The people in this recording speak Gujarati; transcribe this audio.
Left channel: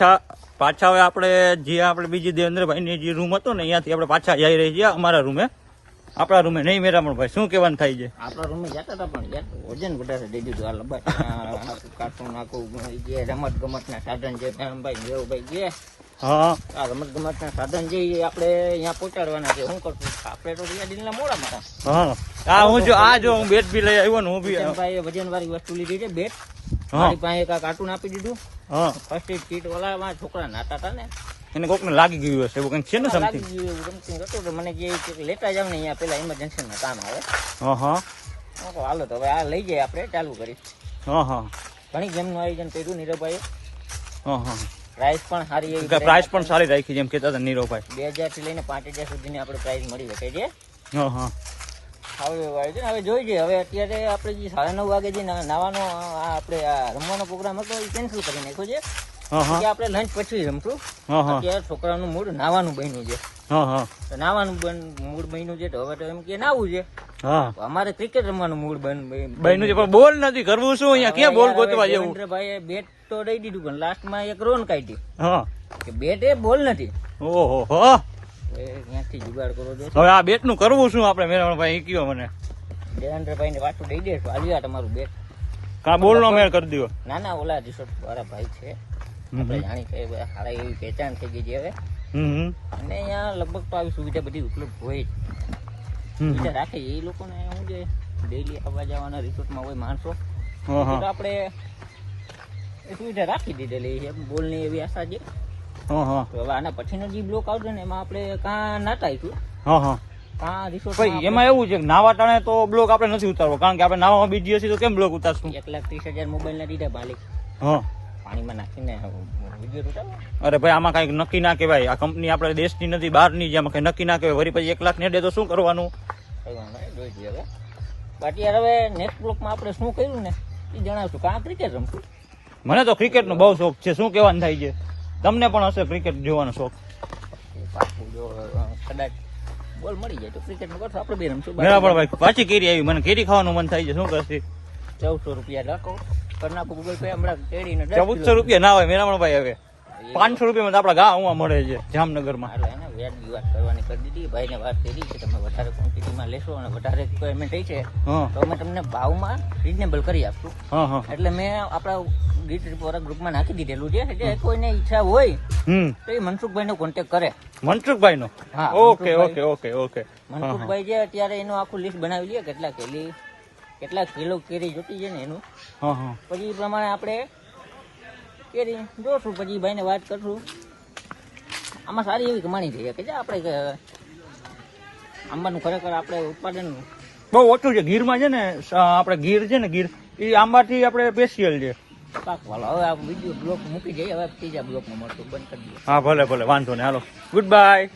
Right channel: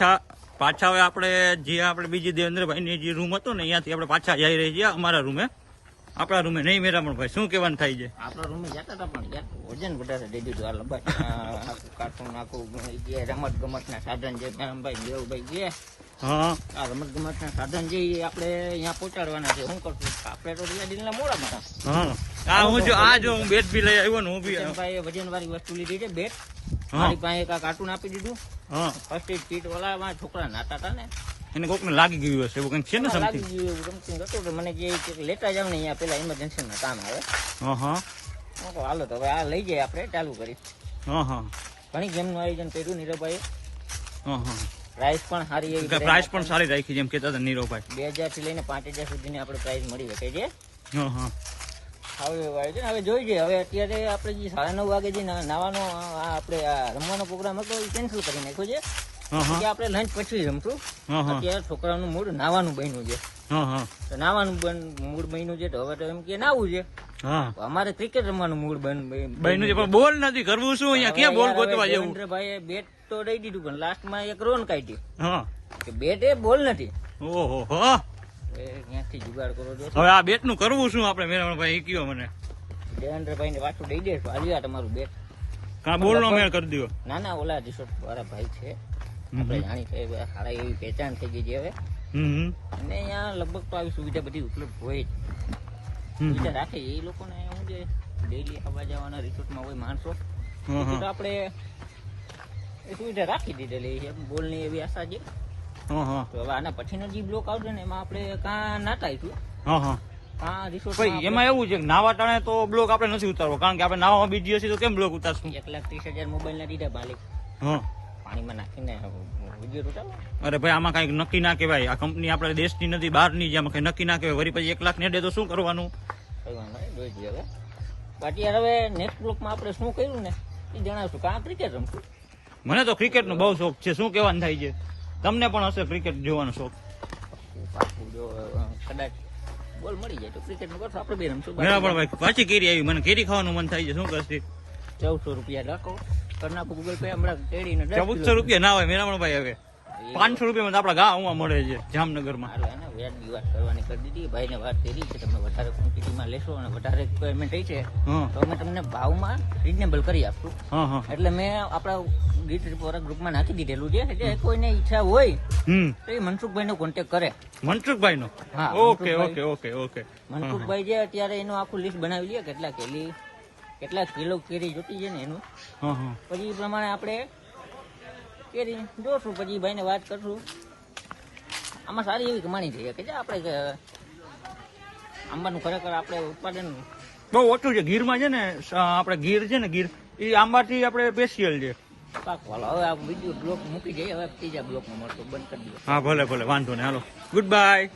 પાછા હવે આપણે જે આપણે બીજી દેવેન્દ્રભાઈની જે રૂમ હતો ને અહીંયાથી આપણે પાછા જઈ રહી છીએ અમારા રૂમે. આપણા રૂમે નહીં મેરામણભાઈ, શું કહેવાનું થાય છે? આપણા રૂમે જતા હતા પણ યાર વજન વધારે દઈ દીધું. આ લંબાઈ કાર્ટૂન આખું જે રમત ગમત ના સાધન છે ભાઈ દેવભાઈ જે આ રમત ગમત ના સાધન જે આપણે અહીંયા પહોંચાડવાના છે. શું કરશું આપણે તો દિનના મોડા મારા હું બેટ બી લઈ આવ્યો ને હું બી ભાઈ વજન વાળી વસ્તુ લીધી છે. બેટ મારી પાસે એક કાર્ટૂન આપી દીધું. ફર્સ્ટ એડ કીટ વાળા છોકરા નાતા હતા ને એને કોક ને લાગી ગયું હશે એવું કંઈક છે ને લાગી ગયું સમથિંગ હતું તો મને જે લેતા જાવ ને અહીંયા પેલા ઇમરજન્સી માં કામ આવે. હાલો તો હવે આ લઈ જાય આપણે ચાલુ કરી. ઘણી ગેમ નું આયોજન કર્યું નીરવભાઈ. પ્રાઇસ પણ સારી એવી પ્રાઇસ પણ સારી રાખી જેમ કેતા હતા નીરવભાઈ. 2000 થી લઈને 5000 સુધીની આપણે પ્રાઇસ મળી શકે છે. હવે જોઈ ગઈ. હવે અત્યારે આપણે જે 9:30 વાગે જે નાવાનો આપણે રમવાનો પ્રોગ્રામ હતો એ કેન્સલ કરી નાખ્યો છે. આપણે લંચ પછી રમશું. અત્યારે છોકરાનું મૂડ નાવાનું બન્યું છે. નાવાનું મૂડ બન્યું છે તો હવે તો એમ કે નાવું છે. અમારે ક્રિકેટ રમવાનું મૂડ બન્યું છે પણ બોલ નથી કરવું. શું અહીંયા ક્યાં બોલ ગોતવા જેવું? ભાઈ બેટ તો દઈ દીધું પણ લાસ્ટમાં એક રોન કાઢી. બેટ એ બોલ નથી. ઓહો જુગાડ કરો છો. હવે આ બેટ નું કરવું શું આપણે? મેરામણભાઈ કયો મને દેવેન્દ્રભાઈ ને પાછું દઈ દેશું. આજે તમારું બેટ કા બોલ નો મેળ કરી દો. ના ના ઓલા રિસોર્ટ વાળા ભાઈ છે જાણી છે સારા એવી પહેચાન થઈ ગઈ છે હવે. અને અહીંયા લગભગ તો આવી સુવિધા બધી ઉપલબ્ધ હોય સુવિધા રાખે એ લોકોને શું છે ડેલી આવવા જવાના રિસોર્ટમાં હોય માણસો તો આપણે એ સુવિધા રાખી દીધેલી છે. બોલ ની એવી આશા છે. તો હવે આના પછીનો જે બ્લોક આવશે ને એમાં આપણે કાં નાતાઈશું. એમાં એવું છે કે નાવા ટાણે તો બ્લોક આપણે નથી ઉતારવો કારણ કે આપણે નાવામાં બીજી હશે તો કેમ બ્લોક ઉતારશું? 1,30,000 મોબાઈલ ના દીધા ભાલી પાણીમાં નાખીને વિડીયો ઉતારો. અરે ભાઈ આમાં કઈ નક્કી ના કહેવાય. આ કંપની આપણે દેશની નથી બહારની છે. આમાં કઈ નક્કી ના કહેવાય. વળી પછી 1 લાખ ને દે તો શું કરવાનું? હવે બાકી હવે નેક્સ્ટ બ્લોકમાં આપણે શું કહ્યું ને એ જણાવશું. કાં ક્રિકેટ રમશું. મને તો ક્રિકેટ નો બહુ શોખ છે. શું કહેવાનું થાય છે? તમને પણ હશે ક્રિકેટ જોવાનો શોખ? કદાચ બોલ મળી જાય તો ક્રિકેટ નું કરશું. આપણે બે રમશું. બરાબર ભાઈ પાછી કેરી આવી. મને કેરી ખાવાનું મન થાય છે. શું કરશે? 1400 રૂપિયા રાખો કરી નાખું ગૂગલ પે. હમણાં કેરીને 1400 રૂપિયા ના હોય મેરામણભાઈ. હવે 500 રૂપિયામાં આપડા ગા ઉવા મળે છે જામનગરમાં. વ્યાજની વાત કરવાની કરી દીધી. ભાઈ ને વાત કરી કે તમે વધારે ક્વોન્ટિટીમાં લેશો અને વધારે રિક્વાયરમેન્ટ થઈ છે તો અમે તમને ભાવમાં રીઝનેબલ કરી આપશું. એટલે મેં આપણા ગીત રિપોર્ટર ગ્રુપમાં નાખી દીધેલું છે કે કોઈને ઈચ્છા હોય તો એ મનસુખભાઈ નો કોન્ટેક્ટ કરે. મનસુખભાઈ નો? ઓકે. મનસુખભાઈ છે અત્યારે એનું આખું લિસ્ટ બનાવી દે કેટલા કિલો કેરી જોતી છે ને એનું. પછી એ પ્રમાણે આપણે કેરી જોશું. પછી ભાઈને વાત કરશું. આમાં સારી એવી કમાણી છે કે આપણે આંબાનું ખરેખર આપણે ઉત્પાદન બહુ ઓછું છે. ગીરમાં છે ને આપણે ગીર છે ને ગીર એ આંબાથી આપણે સ્પેશિયલ છે. હવે આ બીજું બ્લોક મૂકી જઈએ. હવે ત્રીજા બ્લોકમાં મળતો બંધ કરી દઈએ. ભલે વાંધો નહીં. હાલો ગુડ બાય.